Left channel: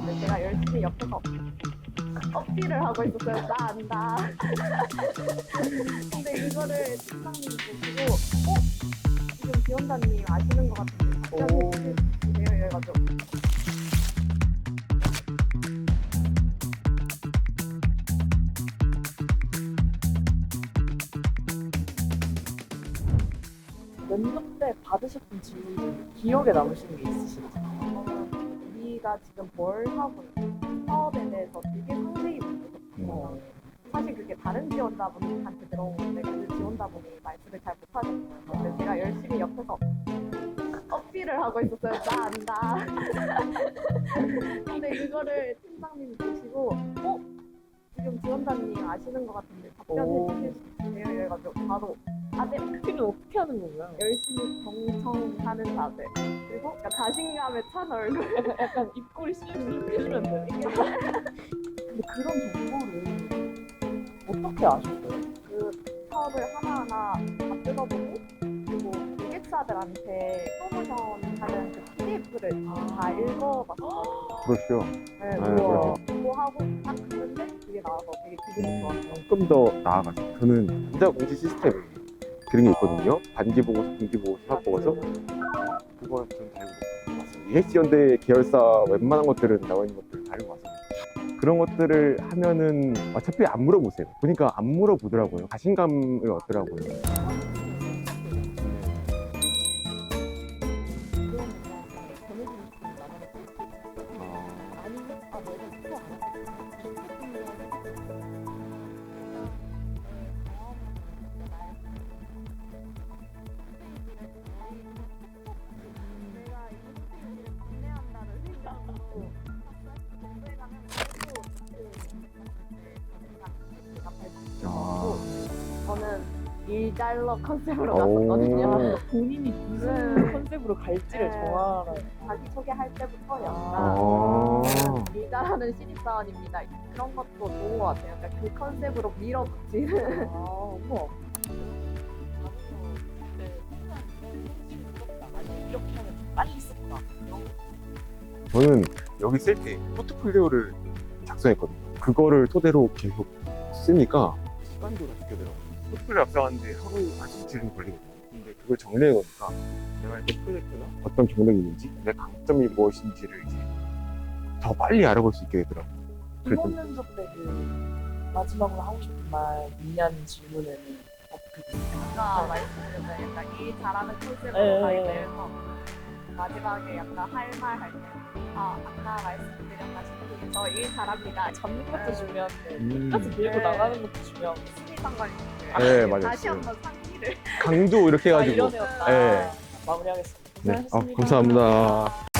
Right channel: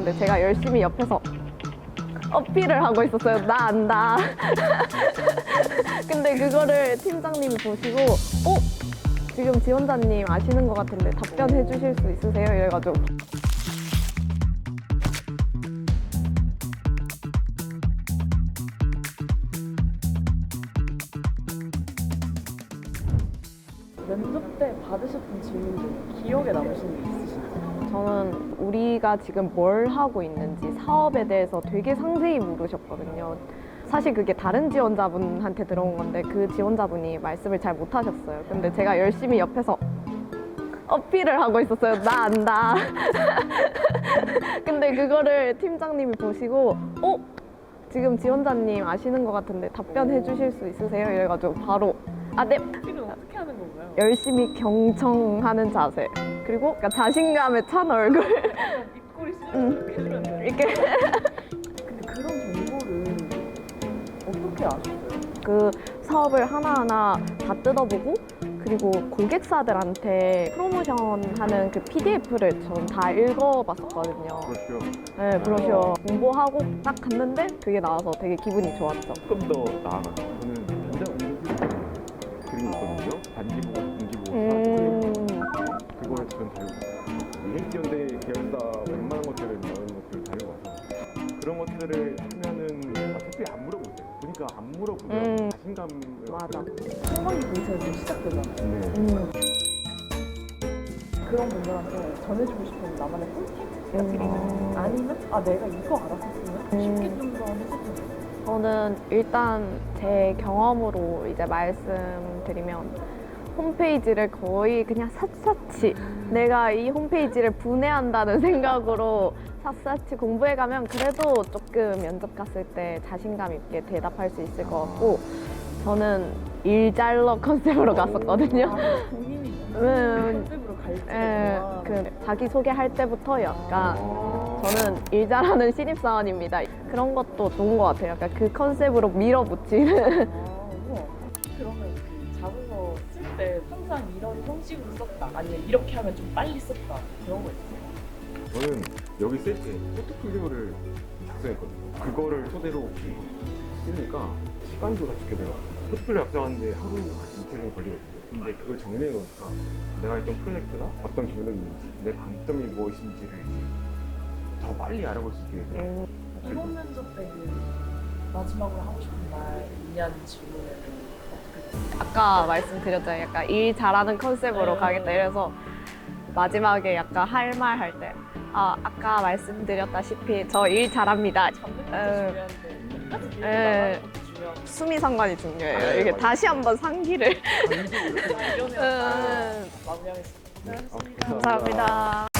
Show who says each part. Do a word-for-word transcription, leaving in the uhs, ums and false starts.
Speaker 1: 같은데 제가 열심히 옆에서 어필을 하고 있었어요. 나 안다. 근데 그거를 팀장님이 보시고 어? 지금 지원자님 아시는 것 같은데 답변해 주실 수 있으세요? 이래가지고
Speaker 2: 면접 때 받으셨던 질문들 기억에 남으시는 게 있으신가요?
Speaker 1: 저는 우리가 지금 뭘 하고 있는지 사업에 대해서 되게 상세히 물으셨거든요. 사실 그게 다른 지원자분한테 들어온 건데 그 지원자분이 말씀을 잘 못하셨어요. 근데 제가 열심히 옆에서 어필을 하고 있었어요. 나 안다. 근데 그거를 팀장님이 보시고 어? 지금 지원자님 아시는 것 같은데 답변해 주실 수 있으세요? 이래가지고 바로 아, 네.
Speaker 2: 어필은 어떻게 하는 건가요?
Speaker 1: 열심히 경청하는 자세 그리고 약간 자신감에 찬 얼굴
Speaker 2: 약간 입꼬리 씹으면 이렇게 해주면 돼요.
Speaker 1: 이렇게
Speaker 2: 근데 그런 정보를 어떻게 아셨어요?
Speaker 1: 그 사업을 하나하나 다 뜯어보고 그리고 고객사들한테 프로모션하는 그 피디에프를 전 다 읽어봤었거든요.
Speaker 3: 그렇죠.
Speaker 1: 네, 브로셔 공부하고 딱 갔는데 그게 나와서 되게 기분이 좋았죠.
Speaker 3: 조금 더 나아가죠. 저는 진짜 문제 시스템 그런 게 있거든요. 반기 보고 분기 보고 수학 보고서
Speaker 1: 음,
Speaker 3: 그걸 전 다르고 이에이치연대 계열사 웬만한 것들은 나와 있는 것들 다 읽어봐서 그런 것들을 하면은 어차피 안 물어보세요. 보니까 안 물어보더라고요.
Speaker 1: 음.
Speaker 3: 자신감을
Speaker 1: 맞아.
Speaker 3: 얻더라고요.
Speaker 2: 처음 인터에서 시작되잖아요.
Speaker 1: 음,
Speaker 2: 그런 분들한테 전해주고 싶은 나만의 꿀팁 같은 게 있나요? 아니면 아 내가 이거 알았었으면 쉽게
Speaker 1: 음.
Speaker 2: 좀 더 했었으면
Speaker 1: 저는 일단 제 경험으로 이제 말씀드리면 홈페이지를 거의 그냥 샅샅이 내가 이 홈페이지를 분해한다는 생각으로 샅샅이 공부해가면 그래도 조금 면접 갔을 때 자신감 있게 대답할 수 있을 것 같고 저는 일잘러 컨셉으로 갔었거든요.
Speaker 2: 본인이
Speaker 1: 음.
Speaker 2: 컨셉으로 갈지를
Speaker 1: 예,
Speaker 2: 정한
Speaker 1: 그 자기 소개할 때부터 약간
Speaker 3: 아.
Speaker 1: 저는 일 잘하는 신입사원입니다. 그런 것도 좋은 것 같아요. 약간 그 컨셉으로 밀어붙이는.
Speaker 2: 아, 우와. 그러면 그 자문서 쓸 때 항상 이런 형식으로 썼다 아니면 이렇게 하면 좀 빨리 썼다 그런 거 있어요?
Speaker 3: 저는 여기 쓸 때 포트폴리오를 작성했거든요. 그거를 토대로 계속 쓰니까 시간도 어떻게 돼요? 포트폴리오 작성하는데 하루까지 이틀은 걸리거든요. 근데 그걸 정리해 놓으니까 내가 했던 프로젝트가 어떤 경력이 있는지, 내 강점이 무엇인지를 이제 더 빨리 알아볼 수 있게 되더라고요. 그래도
Speaker 2: 이번 면접 때는 마지막으로 하고 싶은 말 있냐는 질문을 어떻게
Speaker 1: 아까 말씀드렸잖아요. 약간 일 잘하는 컨셉으로
Speaker 2: 네.
Speaker 1: 가겠다. 이래서 마지막에 약간 할 말 할 때. 아, 아까 말씀드렸다시피 저 일 잘합니다.
Speaker 2: 잡는 것도
Speaker 1: 에.
Speaker 2: 중요한데
Speaker 1: 음.
Speaker 2: 끝까지 밀고
Speaker 1: 에.
Speaker 2: 나가는 것도 중요하고
Speaker 1: 수미 상관이 중요해요.
Speaker 3: 네,
Speaker 1: 이렇게
Speaker 3: 맞아요.
Speaker 1: 다시 한번 상기를.
Speaker 3: 강도 이렇게 해가지고
Speaker 2: 이러면
Speaker 3: 네.
Speaker 2: 마무리하겠습니다.
Speaker 3: 네. 아,
Speaker 2: 고맙습니다.
Speaker 3: 감사합니다.